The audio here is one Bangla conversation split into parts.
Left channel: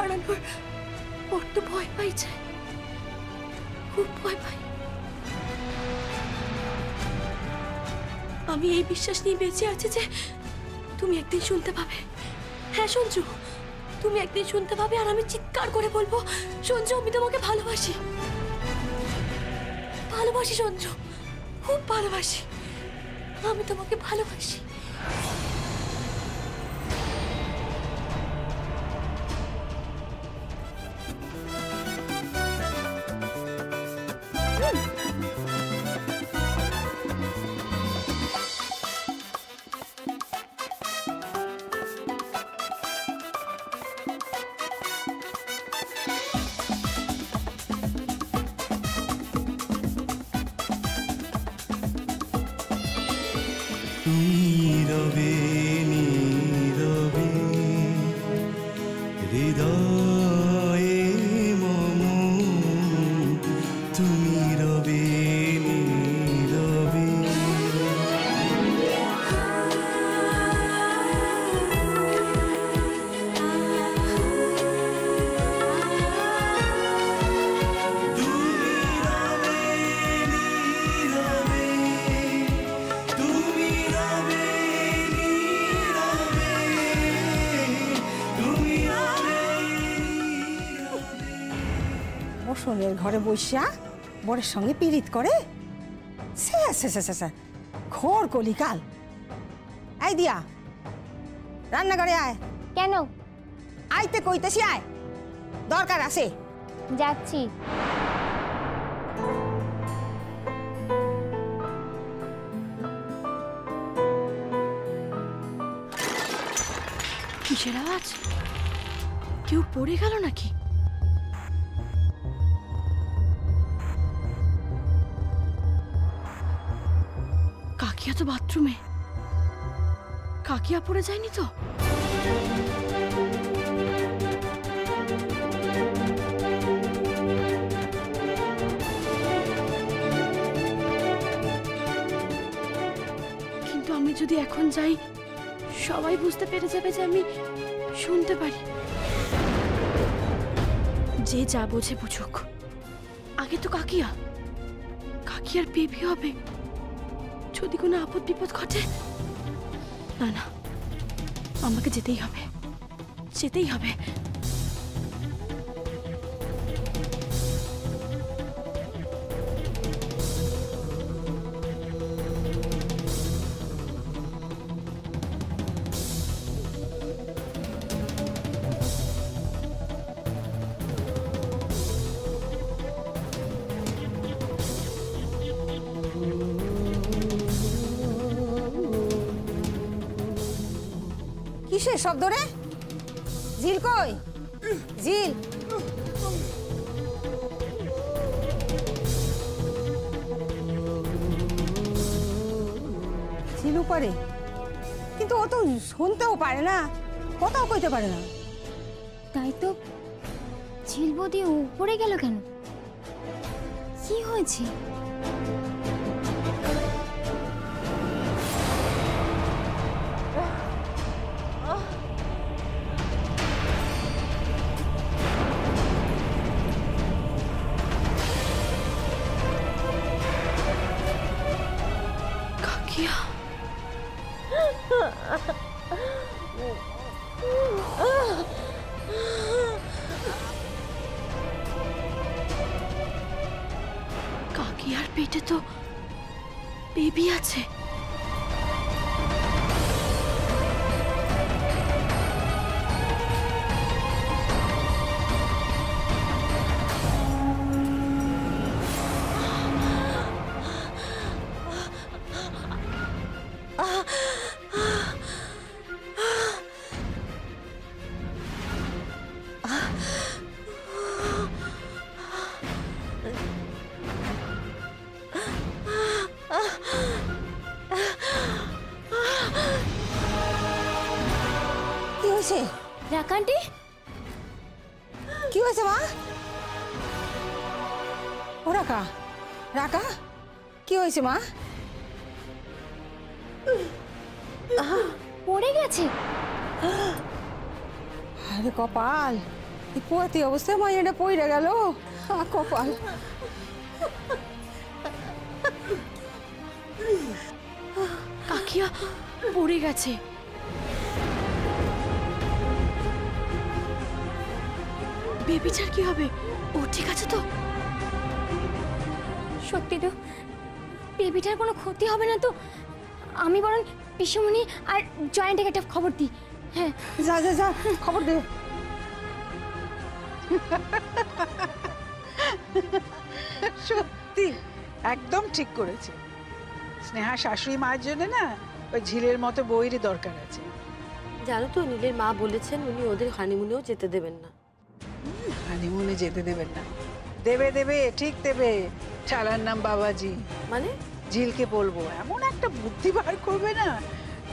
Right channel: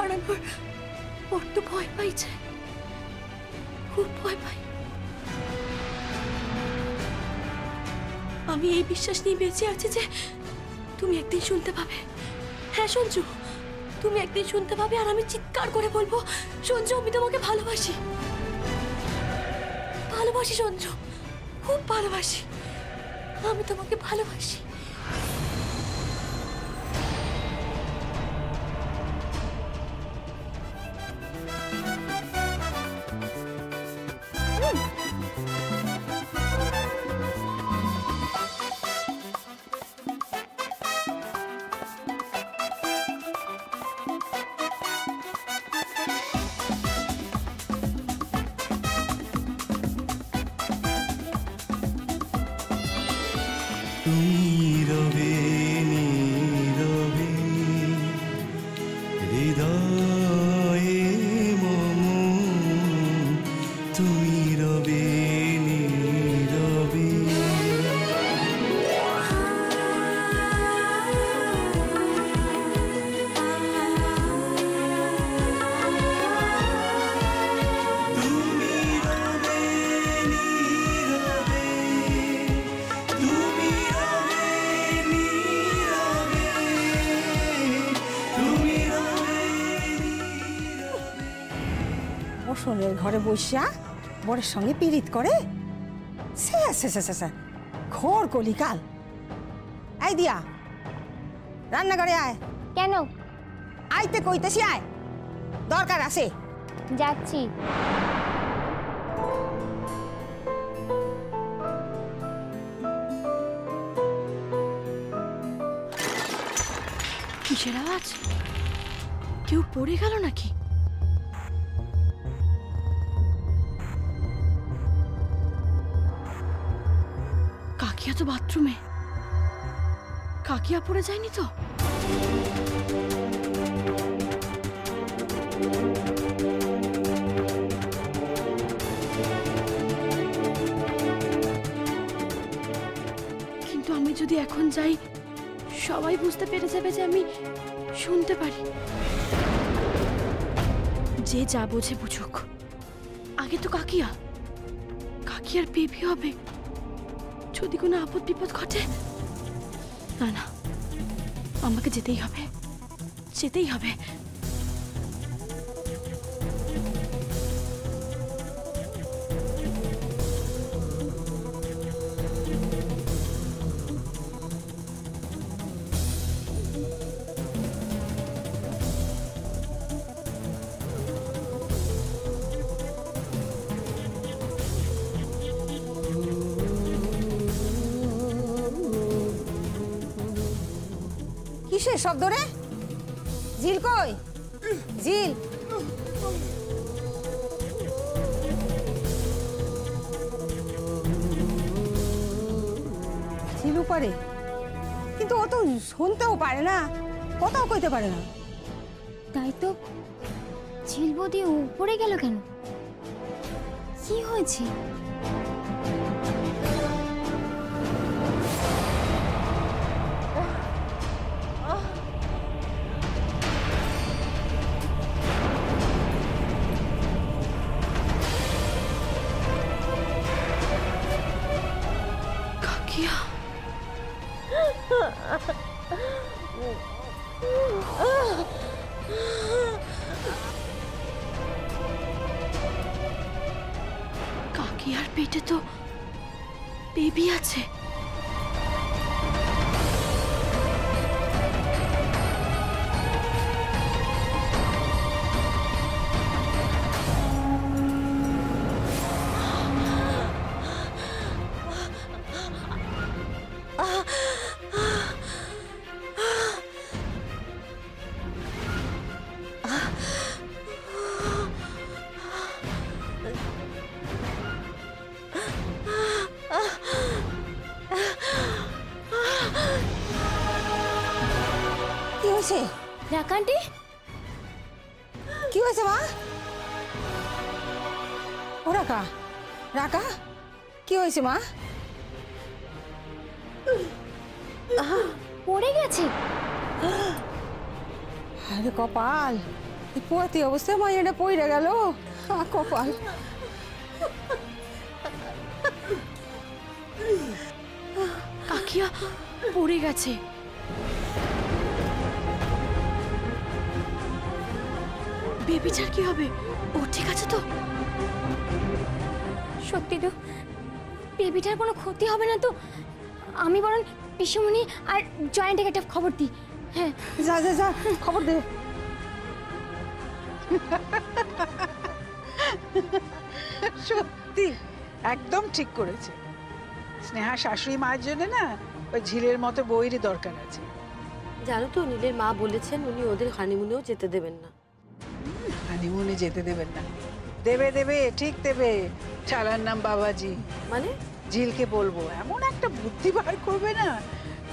হারানোর বড্ড ভয় পাইছে, খুব ভয় পাই। আমি এই বিশ্বাস নিয়ে বেঁচে আছি যে তুমি একদিন শুনতে পাবে। হ্যাঁ সঞ্জু, তুমি একদিন শুনতে পাবে আর আমি চিৎকার করে বলবো, সঞ্জু আমি তোমাকে ভালোবাসি, ভালোবাসি সঞ্জু, খুব ভালোবাসি, আমি তোমাকে ভালোবাসি। নীরবে নীরবে হৃদয়ে মম, তুমি রবে নীরবে। বসনের ঘরে বসিয়া বরের সঙ্গে পীড়িত করে, ঘোর কলিকাল। আই দিয়া রান্নাঘরে আয়। কেন? আইতে কইতেছি আয়, দরকার আছে। যাচ্ছি। কিসের আওয়াজ? কেউ পড়ে গেল নাকি? কাকিয়া তো বাথরুমে, কাকিয়া পড়ে যায়নি তো? কিন্তু আমি যদি এখন যাই সবাই বুঝতে পেরে যাবে যে আমি শুনতে পারি। যে যা বোঝে বুঝুক, আগে তো কাকিয়া, কাকিয়ার বেবি হবে। যদি কোনো আপদ বিপদ ঘটে, না না, আমাকে যেতেই হবে, যেতেই হবে। কিসের শব্দ রে? জিল কই? জিল জিলু পারে, কিন্তু ও তো শুনতেও পারে না, কথাও কইতে পারে না। তাই তো, ঝিলবদি উপরে গেল কেন? কি হয়েছে? কাকিয়া, কাকিয়ার পেটে তো বেবি আছে। কি হয়েছে রাকান্টি? কি হয়েছে মা? ও রাকা, রাকা কি হয়েছে মা? পড়ে গেছে। আরে কপাল, এই পোয়াতি অবস্থায় মাইয়াটা পইরা গেল। কপাল। কাকিয়া পড়ে গেছে। বেবিটার কি হবে? ও ঠিক আছে তো? সত্যি তো বেবিটার কোনো ক্ষতি হবে না তো? আমি বরং পিসুমণি আর জয়েন্টকে একটা খবর দিই। হ্যাঁ যা যা যা, খবর দে। সত্যি একদম ঠিক করেছে। স্নেহা শাশুড়ি মায়ের জন্য না ওই ঝিলের মতো বইয়েরই দরকার আছে। জানো তো নীলের মা বলেছেন উনি ওদের হানিমুনেও যেতে দেবেন না। হানিমুনে যেতে দেবেন না? দেবে দেবে, ঠিক দেবে। চালার নাম বাবাজি। মানে ঝিলকে বলবো এমন একটা বুদ্ধি বার করবে না,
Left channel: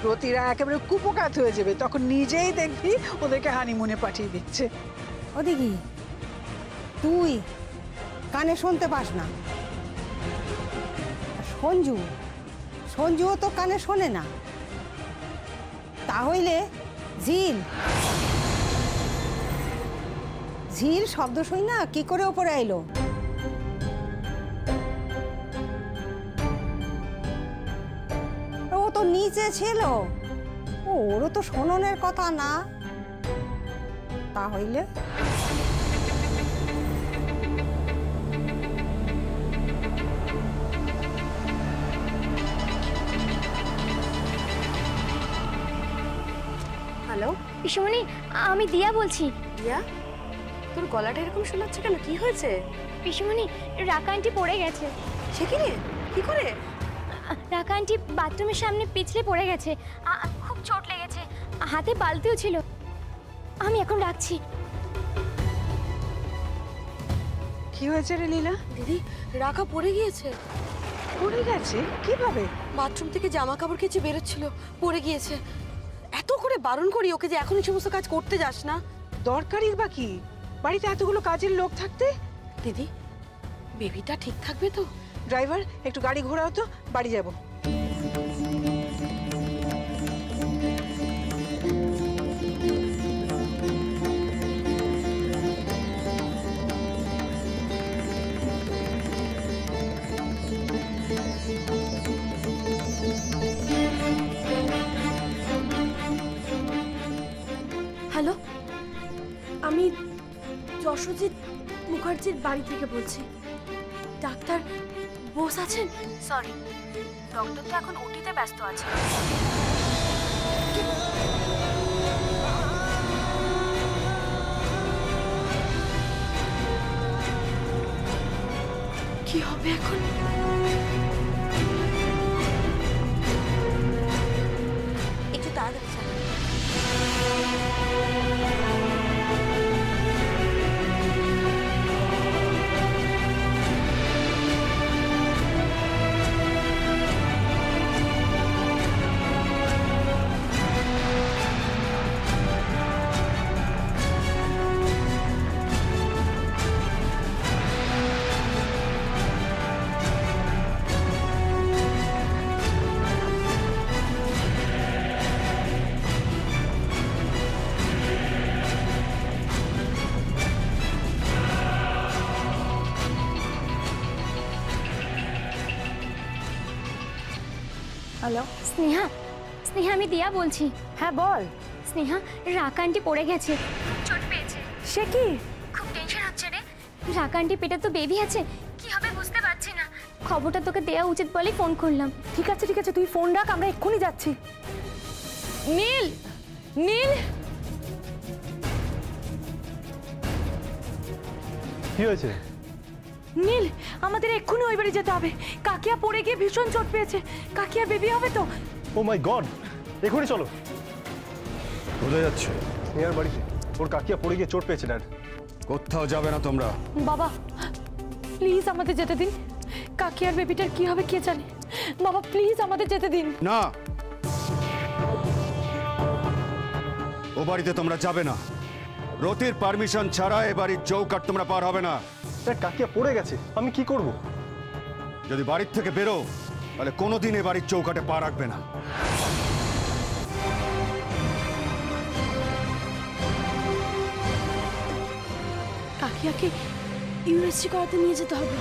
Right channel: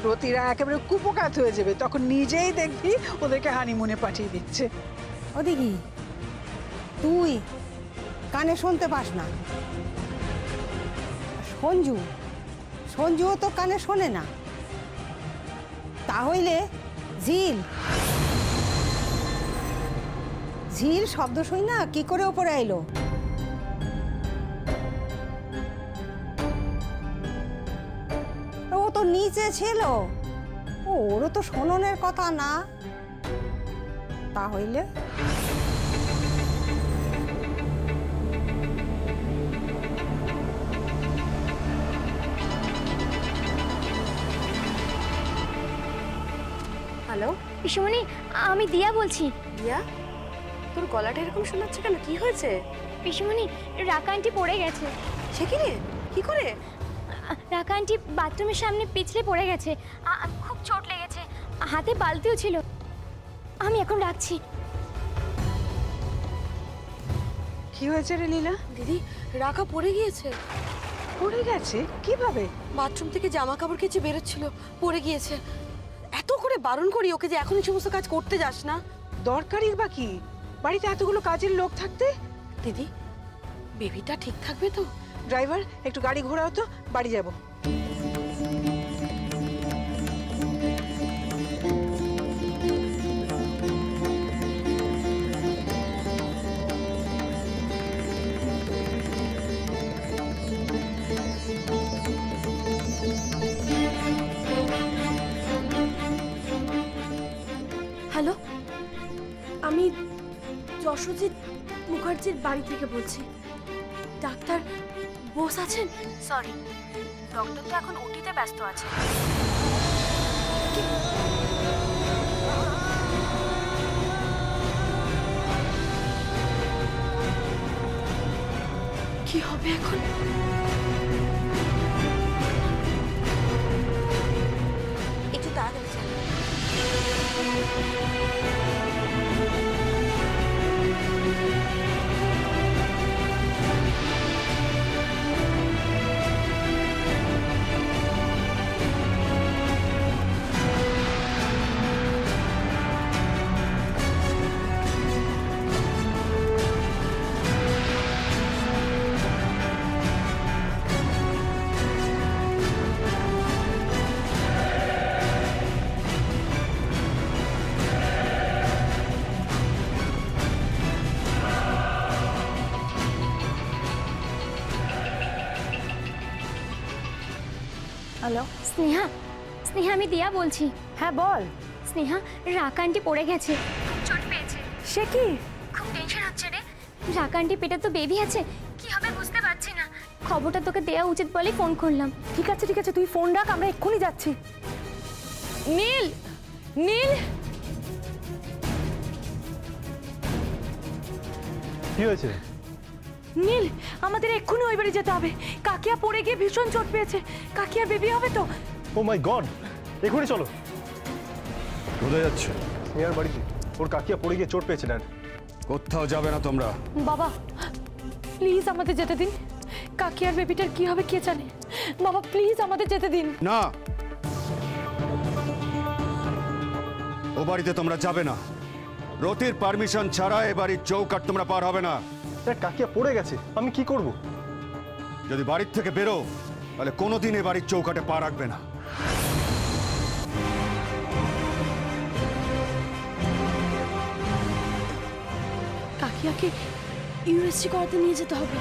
রতিরা একেবারে কুপোকাত হয়ে যাবে। তখন নিজেই দেখবি ওদেরকে হানিমুনে পাঠিয়ে দিচ্ছে। ওদিকে তুই কানে শুনতে পাস না, আর সঞ্জুও তো কানে শোনে না। তাহলে ঝিল শব্দ শুই না কি করে ওপরে এলো? ও তো নিচে ছিল, ওরও তো শোননের কথা না। তাহলে হ্যালো পিসুমণি, আমি দিয়া বলছি। দিয়া, তোর গলাটা এরকম শোনাচ্ছে কেন? কি হয়েছে? পিসুমণি, রাকা আন্টি পড়ে গেছে। সে কি রে? কি করে? রাকা আন্টি বাথরুমের সামনে পিছলে পড়ে গেছে। খুব চোট লেগেছে, হাতে বালতিও ছিল। আমি এখন রাখছি। কি হয়েছে রে লীলা? দিদি, রাখা পড়ে গিয়েছে। পড়ে গেছে? কিভাবে? বাথরুম থেকে জামা কাপড় কেচে বেরোচ্ছিল, পড়ে গিয়েছে। এত করে বারণ করি ওকে যে এখন এই সমস্ত কাজ করতে যাস না। দরকারই বা কি? বাড়িতে এতগুলো কাজের লোক থাকতে। দিদি, বেবিটা ঠিক থাকবে তো? ড্রাইভার, একটু গাড়ি ঘোরাও তো, বাড়ি যাব। হ্যালো, আমি যশোজিৎ মুখার্জির বাড়ি থেকে বলছি। ডাক্তার বোস আছেন? সরি, ডক্টর তো এখন ওটিতে ব্যস্ত আছে। কি হবে এখন? একটু তাড়াতাড়ি চালা। হ্যালো, স্নেহা, আমি দিয়া বলছি। হ্যাঁ বল। স্নেহা, রাকা আন্টি পড়ে গেছে, খুব চোট পেয়েছে। সে কি? খুব টেনশন হচ্ছে রে। রাকা আন্টি পেটে তো বেবি আছে, কি হবে বুঝতে পারছি না। খবরটা তোকে দেওয়া উচিত বলেই ফোন করলাম। ঠিক আছে তুই ফোন রাখ, আমরা এক্ষুনি যাচ্ছি। নীল, কি হয়েছে? নীল, আমাদের এক্ষুনি ওই বাড়ি যেতে হবে। কাকিয়া পড়ে গিয়ে ভীষণ চোট পেয়েছে। কাকিয়ার বেবি হবে তো? ও মাই গড, এখনই চলো। কোথায় যাচ্ছে? স্নেহার বাড়িতে। ওর কাকিয়া পড়ে গিয়ে চোট পেয়েছে ড্যাড। কোথাও যাবে না তোমরা। বাবা প্লিজ আমাদের যেতে দিন। কাকিয়ার বেবিটার কি হবে কে জানে। বাবা প্লিজ আমাদের যেতে দিন। না, ও বাড়িতে তোমরা যাবে না। রতির পারমিশন ছাড়া এ বাড়ির চৌকাট তোমরা পার হবে না। ড্যাড, কাকিয়া পড়ে গেছে, আমি কি করব? যদি বাড়ির থেকে বেরো তাহলে কোনোদিন এ বাড়ির চৌকাটে পা রাখবে না। কাকিয়াকে ইউএসজি করাতে নিয়ে যেতে হবে।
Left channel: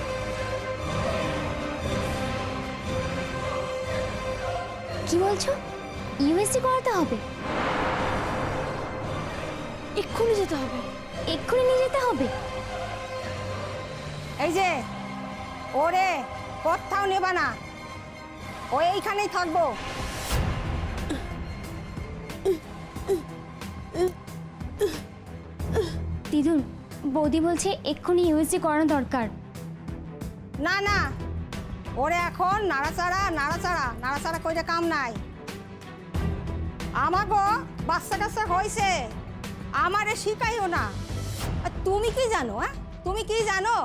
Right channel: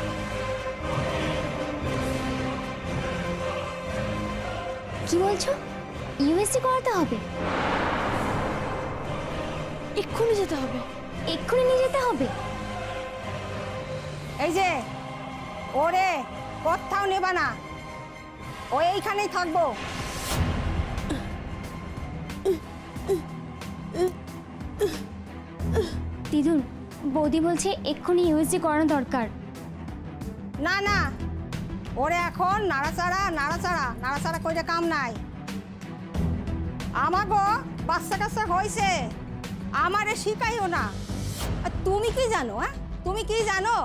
কি বলছো? ইউএসজি করাতে হবে? এক্ষুনি যেতে হবে। এক্ষুনি নিয়ে যেতে হবে? এই যে ওরে কোথাও নেবা না, ও এইখানেই থাকবো। দিদুন, বৌদি বলছে এক্ষুনি ইউএসজি করানো দরকার। না না, ওরে এখন নাড়াচাড়া নাড়াচাড়া নাড়াচাড়া কইরে কাম নাই। আমাগো বাচ্চা কাচ্চা হয়েছে, আমারে শিখাইও না। আর তুমি কি জানো? হ্যাঁ, তুমি কি জানো?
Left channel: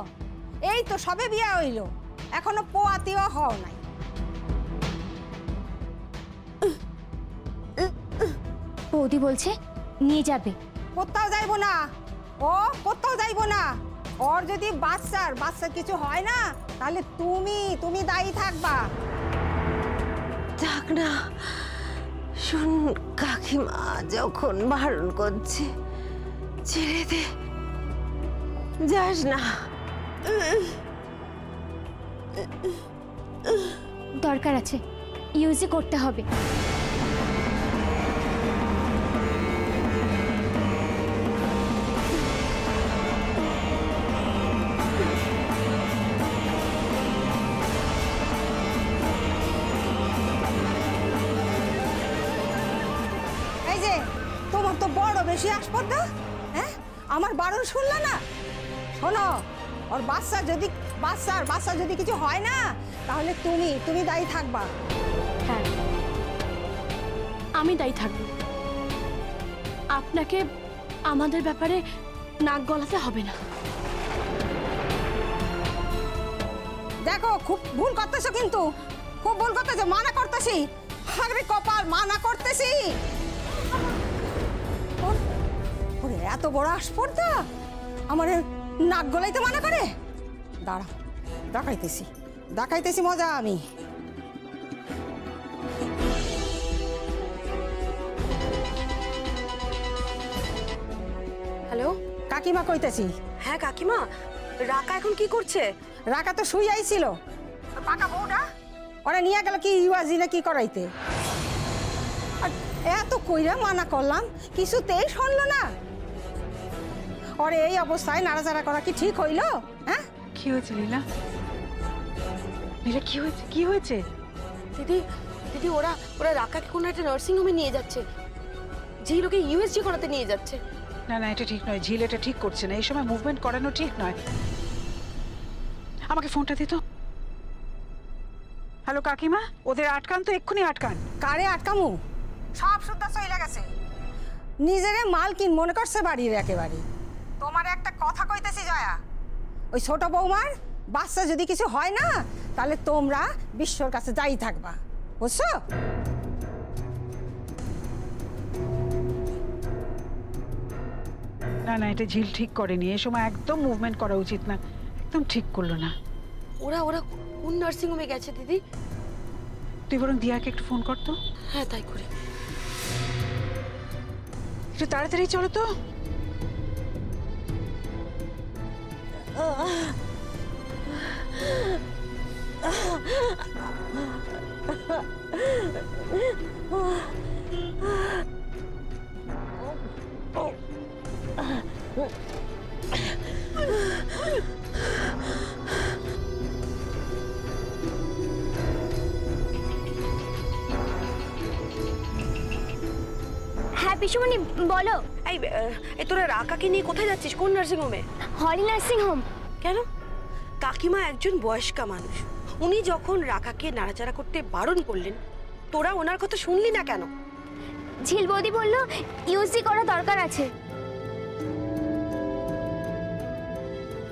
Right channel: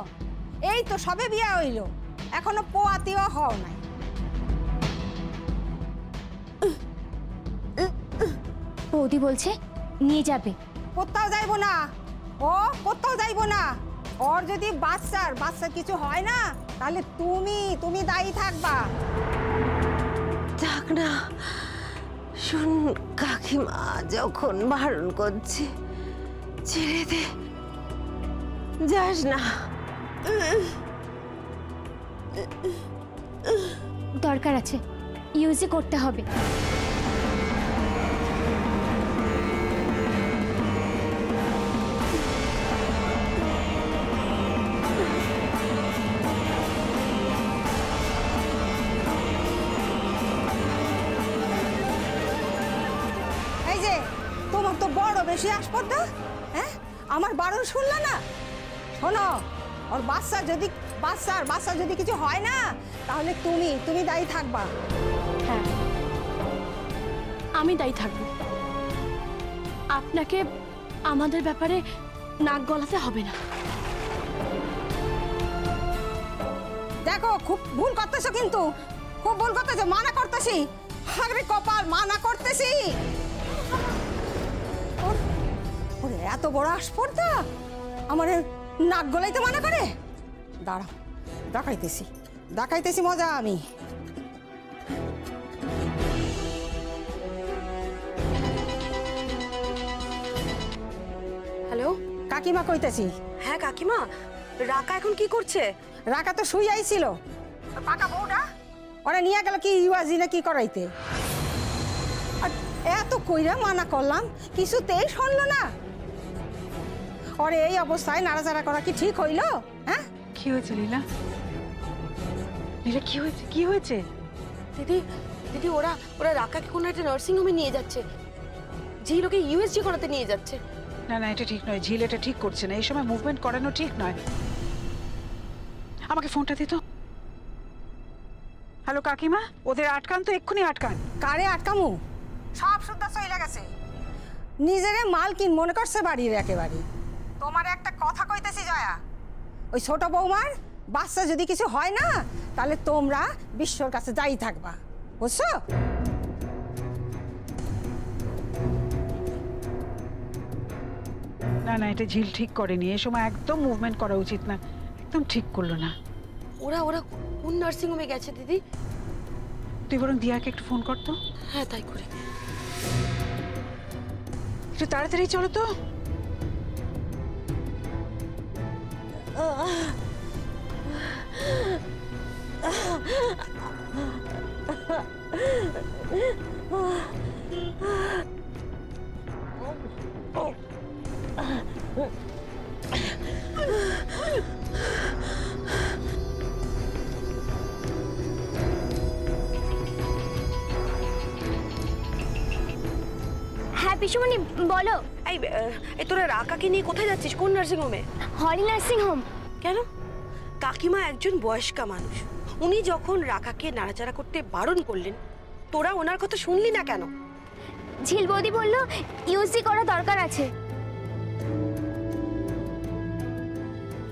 এই তো সবে বিয়া হইল, এখনো পোয়াতিও হও নাই। বৌদি বলছে নিয়ে যাবে। কোথাও যাইবো না, ও কোথাও যাইবো না। ওর যদি বাচ্চার কিছু হয় না, তাহলে তুমি দায়ী থাকবা। থাক না, শোন কাকিমা যখন বারণ করছে, ছেড়ে দে, যাস না। দরকার আছে, ইউএসজি করতে হবে। এই যে তোমার তো বড় বেশি আসপর্দা, হ্যাঁ? আমার বারণ শুনলা না? শোনো, ওর বাচ্চার যদি কিছু হয় না, তাহলে তুমি দায়ী থাকবা। হ্যাঁ, আমি দায়ী থাকবো। আপনাকে আমাদের ব্যাপারে নাক গলাতে হবে না। দেখো, খুব ভুল করতেছো, কিন্তু খুব ভুল করতেছো। মানা করতেছি, হাগরে কপাল, মানা করতেছি। ওরে এত বড় আসপর্দা আমার নাক গলাইতে মানা করে? দাঁড়া, দেখাইতেছি মজা আমি। হ্যালো কাকিমা কইতেছি। হ্যাঁ কাকিমা, রাকা এখন কি করছে? রাকা তো শুই আইছিল, পাকা বউটা ওরা নিয়ে গেল কি ইউএসজি না কি করাইতে। আর এত কইরা মানা করলাম, কিছুতেই শুনলো না। ওরে এই অবস্থায় নাড়াচাড়া করা কি ঠিক হইল? হ্যাঁ, কি হয়েছে লীলা? লীলা, কি হয়েছে? দিদি ওরা রাকাকে কোনো একটা নার্সিং হোমে নিয়ে যাচ্ছে, যে লোকে ইউএসজি করাতে নিয়ে যাচ্ছে। না না, এটা ঠিক নয়। ঝিল এটা ঠিক করছে না, এই সময় মুভমেন্ট করানো ঠিক নয়। আমাকে ফোনটা দিত। হ্যালো কাকিমা, ওদের আটকান তো, এক্ষুনি আটকান। কারে আটকামু? সব সুদ্ধা চইলা গেছে। নিজেরে মালকিন মনে করছে বাড়ির একেবারে। তোমার একটা কথা কইতেছি জয়া, ওই ছোট বৌমার বাচ্চা যদি কিছু হয় না, তাহলে তোমরা বিশ্বর কাছে যাই থাকবা, বুঝছো? না না, এটা ঝিল ঠিক করেনি, এই সময় একদম মুভমেন্ট করা উচিত না, একদম ঠিক করলো না। ওরা কোন নার্সিং হোমে গেছে দিদি? তুই বরং দিয়াকে একটু ফোন করতো। হ্যাঁ তাই করি। একটু তাড়াতাড়ি চলো তো। হ্যাঁ পিসুমণি, বলো। এই তোরা রাকাকে নিয়ে কোথায় যাচ্ছিস? কোন নার্সিং হোমে? হলি নার্সিং হোম। কেন? কাকিমা একজন বয়স্কা মানুষ, উনি যখন রাকাকে নাড়াচাড়া করতে বারণ করলেন, তোরা ওনার কথা শুনলি না কেন? ঝিল বৌদি বলল ইউএসজি করা দরকার আছে।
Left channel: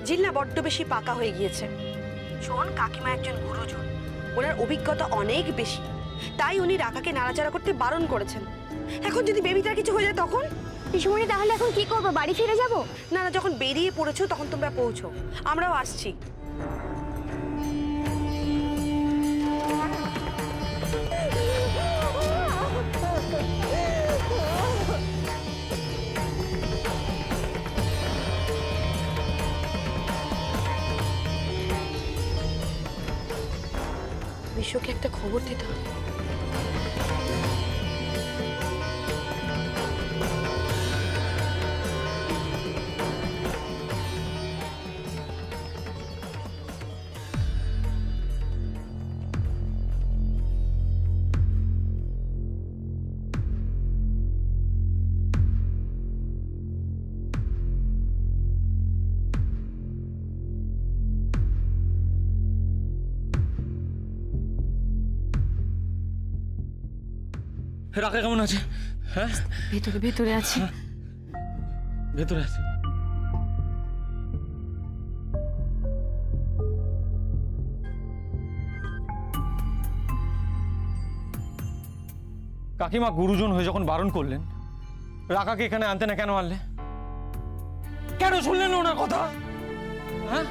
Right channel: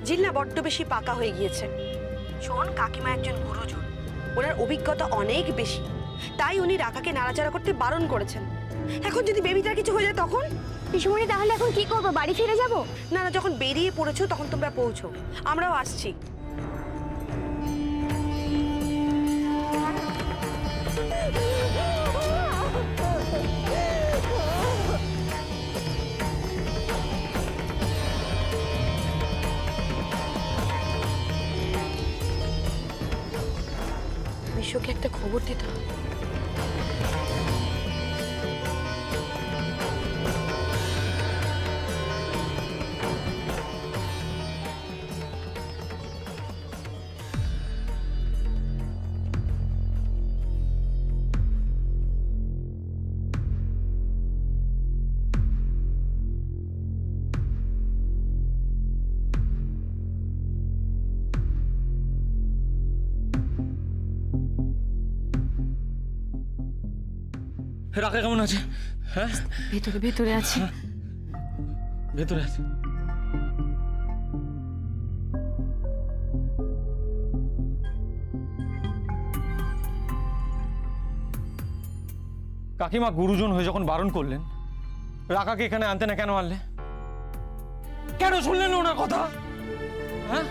ঝিল না বড্ড বেশি পাকা হয়ে গিয়েছে। শোন, কাকিমা একজন গুরুজন, ওনার অভিজ্ঞতা অনেক বেশি, তাই উনি রাকাকে নাড়াচাড়া করতে বারণ করেছেন। এখন যদি বেবিটার কিছু হয়ে যায় তখন? পিসুমণি, তাহলে এখন কি করবো? বাড়ি ফিরে যাব? না না, যখন বেরিয়ে পড়েছো তখন তোমরা পৌঁছো, আমরাও আসছি। বিশ্বকে একটা খবর দিতে হবে। রাকা কেমন আছে? হ্যাঁ, ভেতরে আছে। ভেতরে আছে। কাকিমা গুরুজন হয়ে যখন বারণ করলেন, রাকাকে এখানে আনতে না কেন আনলে? কেন শুনলেন ওনার কথা? হ্যাঁ,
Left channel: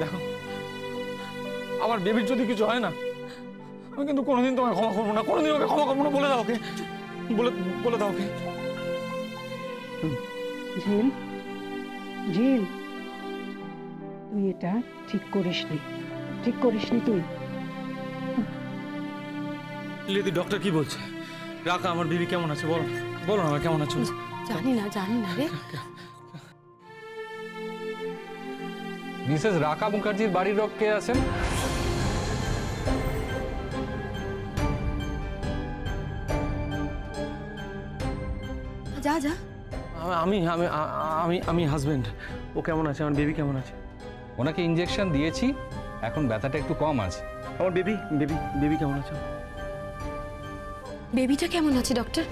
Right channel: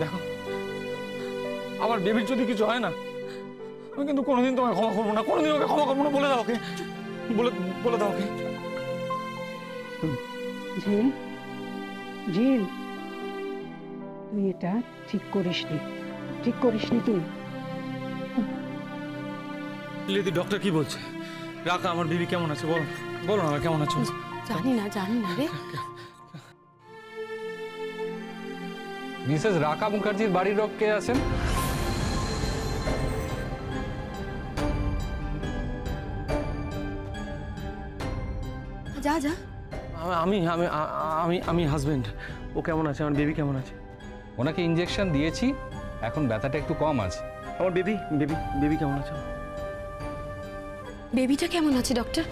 দেখো আমার বেবির যদি কিছু হয় না, আমি কিন্তু কোনোদিন তোমাকে ক্ষমা করবো না, কোনোদিন ওকে ক্ষমা করবো না। বলে দাও ওকে, বলে দাও ওকে। ঝিল, ঝিল, তুই এটা ঠিক করিসনি, ঠিক করিসনি তুই। লিদি, ডক্টর কি বলছে? রাকা আমার বেবি কেমন আছে? বলো বলো না, কেমন আছো? জানি না রে। মিসেস রাকা মুখার্জির বাড়ির লোক কে আছেন? যা যা। আমি হাজবেন্ড। ও কেমন আছে? আমার বেবি কেমন আছে? ওনাকে ইনজেকশন দিয়েছি, এখন ব্যথাটা একটু কম আছে। আমার বেবি কেমন আছে? বেবিটা কেমন আছে ডক্টর?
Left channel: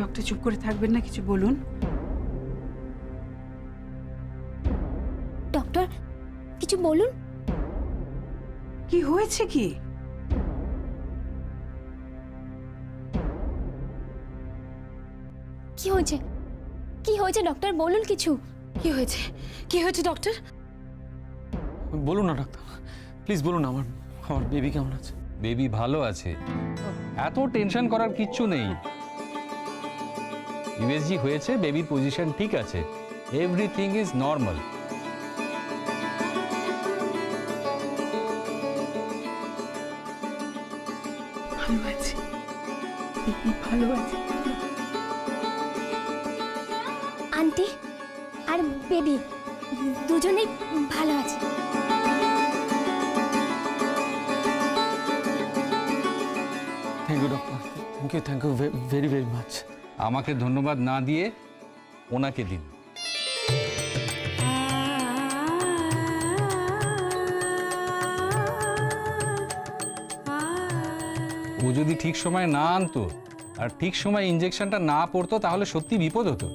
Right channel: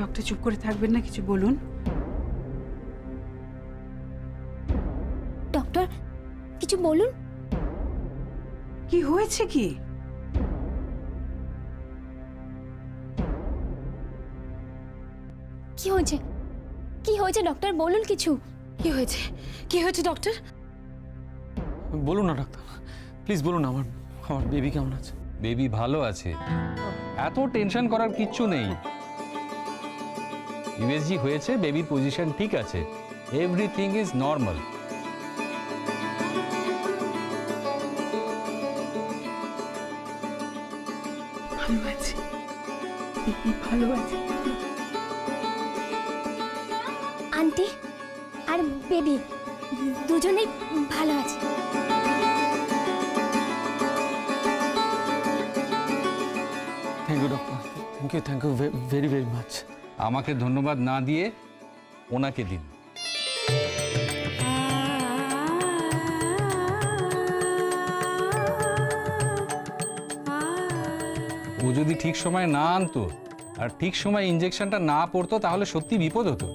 ডক্টর চুপ করে থাকবেন না, কিছু বলুন। ডক্টর কিছু বলুন। কি হয়েছে? কি হয়েছে ডক্টর বলুন কিছু। কি হয়েছে ডক্টর? বলুন না ডাক্তার, প্লিজ বলুন না। আমার বেবি কেমন আছে? বেবি ভালো আছে, এত টেনশন করার কিচ্ছু নেই। ইউএসজি হয়েছে, বেবির পজিশন ঠিক আছে, এভরিথিং ইজ নর্মাল। ভালো আছে। আন্টি আর বেবি দুজনেই ভালো আছে। Thank you doctor, thank you very very much. আমাকে ধন্যবাদ না দিয়ে ওনাকে দিন। ও যদি ঠিক সময় না আনতো আর ঠিক সময় ইনজেকশনটা না পড়তো, তাহলে সত্যি বিপদ হতো।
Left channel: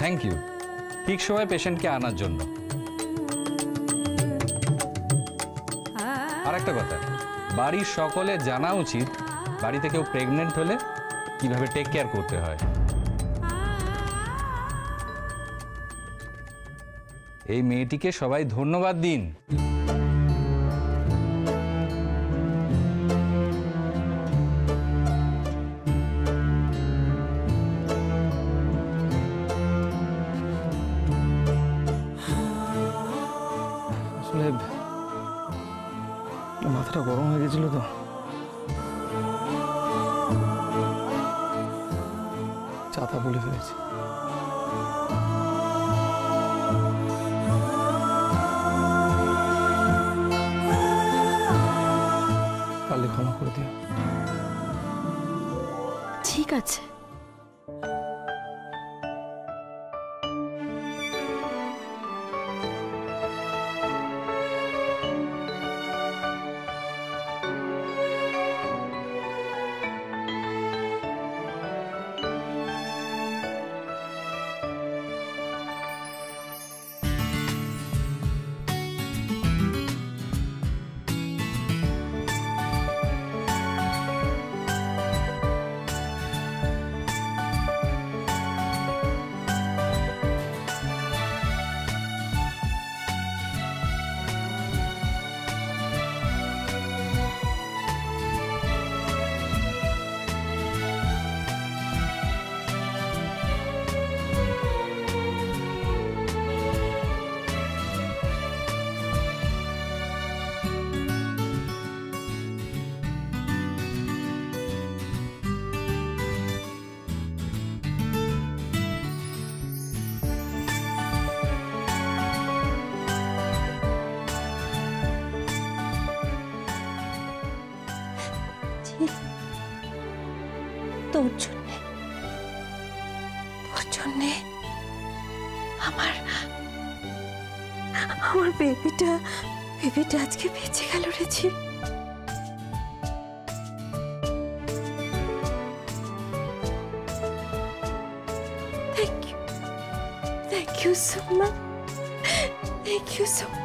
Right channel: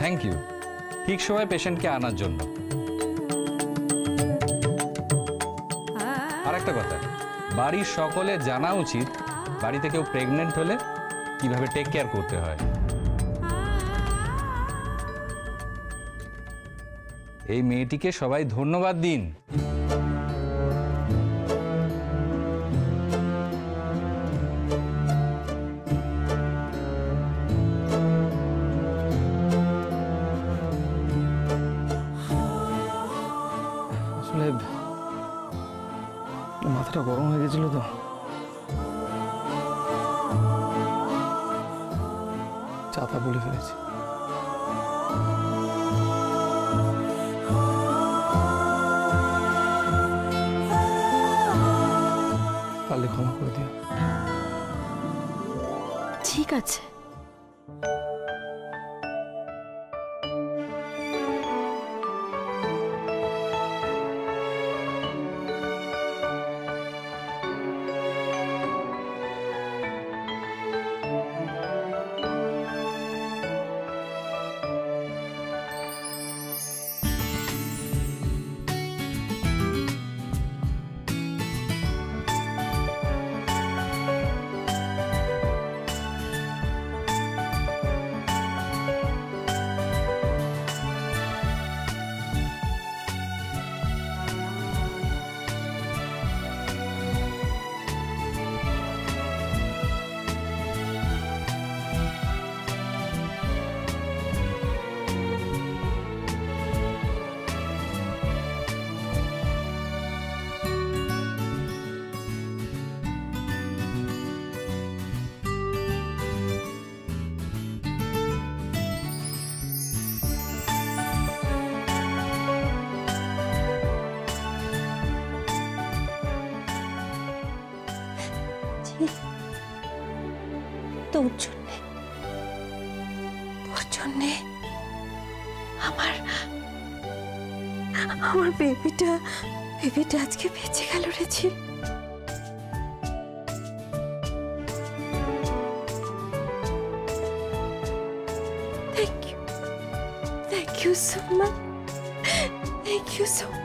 থ্যাংক ইউ ঠিক সময় পেশেন্টকে আনার জন্য। আর একটা কথা, বাড়ির সকলের জানা উচিত বাড়িতে কেউ প্রেগনেন্ট হলে কিভাবে টেক কেয়ার করতে হয়। এই মেয়েটিকে সবাই ধন্যবাদ দিন। আসলে মাথাটা গরম হয়ে গেছিল তো, চাতা বলে ফেলেছি। পারলে ক্ষমা করে দিও। ঠিক আছে। তোর জন্যে আমার বেবিটা আজকে বেঁচে গেল রে ঝিল। Thank you so much. Thank you so much.